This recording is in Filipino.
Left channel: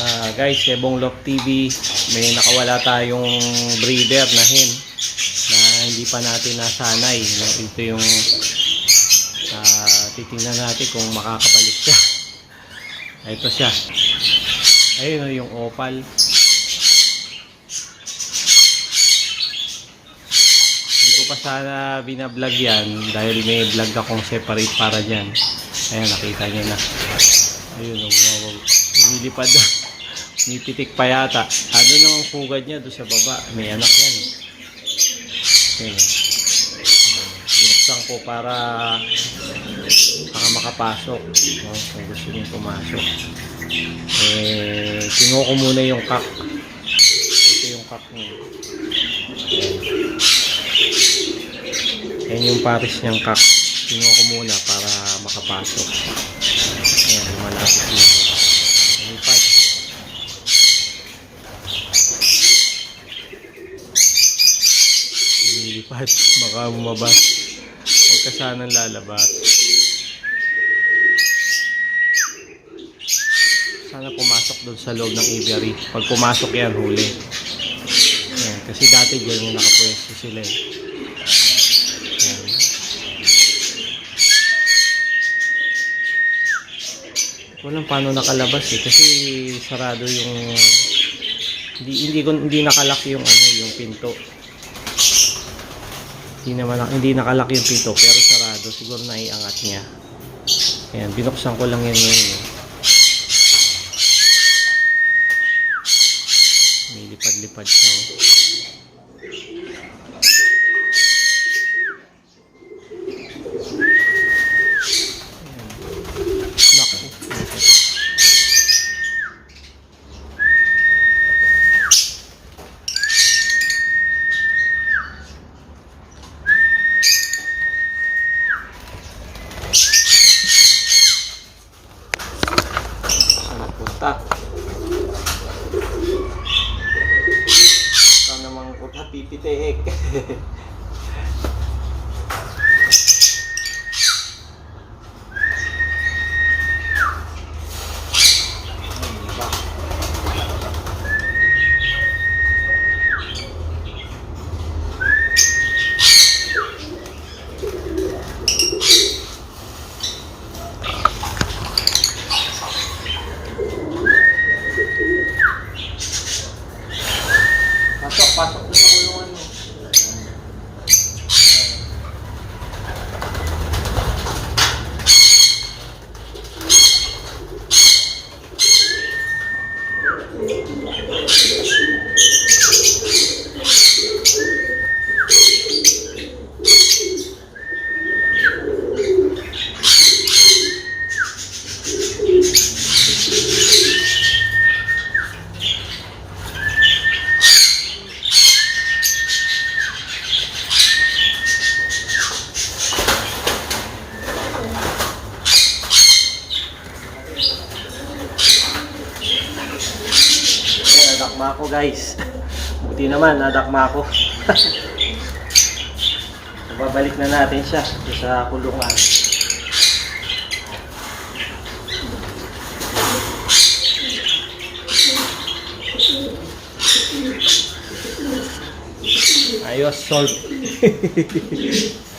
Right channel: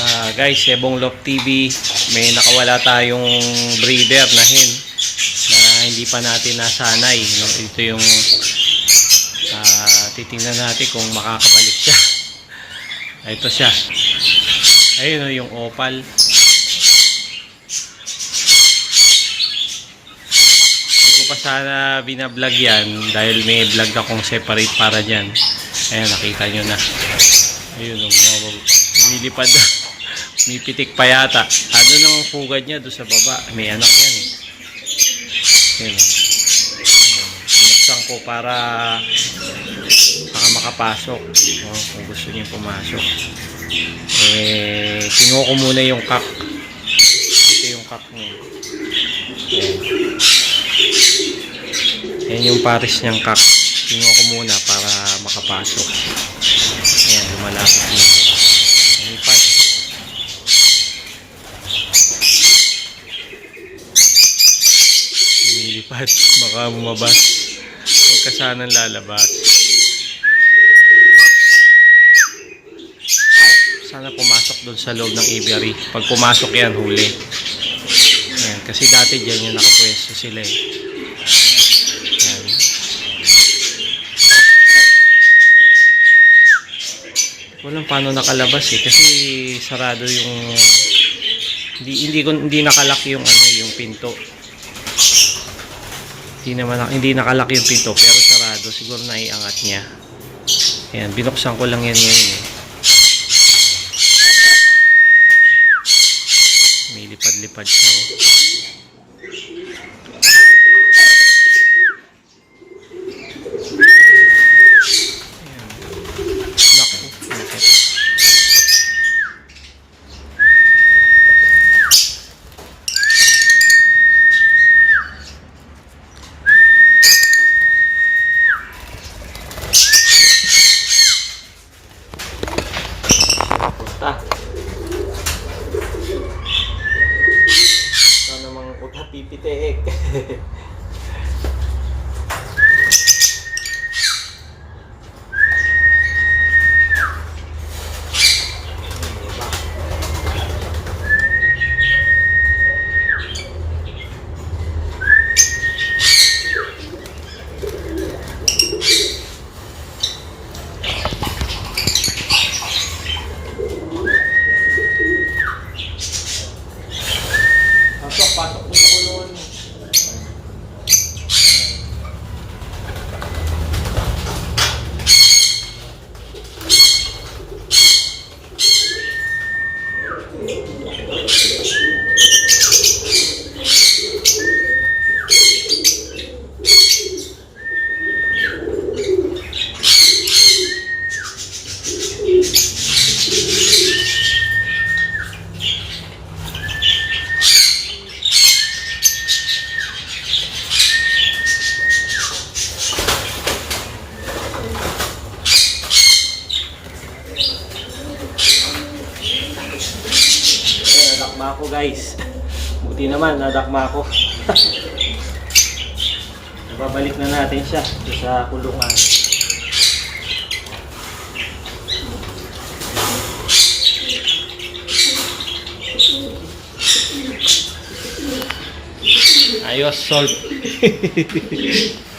Ah, guys, Sebong Love TV, may nakawala tayong breeder na hen na hindi pa natin nasanay. No? Ito yung ah, titingnan natin kung makakabalik siya. Ito siya. Ayun oh, yung opal. Hindi ko pa sana binablog yan dahil may vlog akong separate para dyan. Ayan, nakita nyo na. Ayun, bumababa. Lumilipad na. May pitik pa yata. Ano nang pugad niya doon sa baba? May anak yan eh. Ayun, oh. Ayun. Binuksan ko para baka makapasok. Oh, kung gusto niyo pumasok. Eh, kinuha ko muna yung kak. Ito yung kak niya. Ayan yung pares niyang kak. Kinuha ko muna para makapasok. Ayan, lumalapit na. Lumipad. Lumilipad. Baka bumabas. Huwag ka sanang lalabas. Sana pumasok doon sa loob ng aviary. Pag pumasok yan, huli. Ayan, kasi dati dyan yung nakapwesto sila eh. Ayan. Walang paano nakalabas eh kasi sarado yung hindi hindi hindi nakalak yung ano yung pinto. Hindi naman hindi nakalak yung pinto pero sarado siguro naiangat niya. Ayan, binuksan ko lang yan ngayon eh. May lipad-lipad siya oh. Punta. Ito namang puta pipiteek. nadakma ako guys. Buti naman, nadakma ako. Babalik na natin siya sa kulungan. Ayos, solve.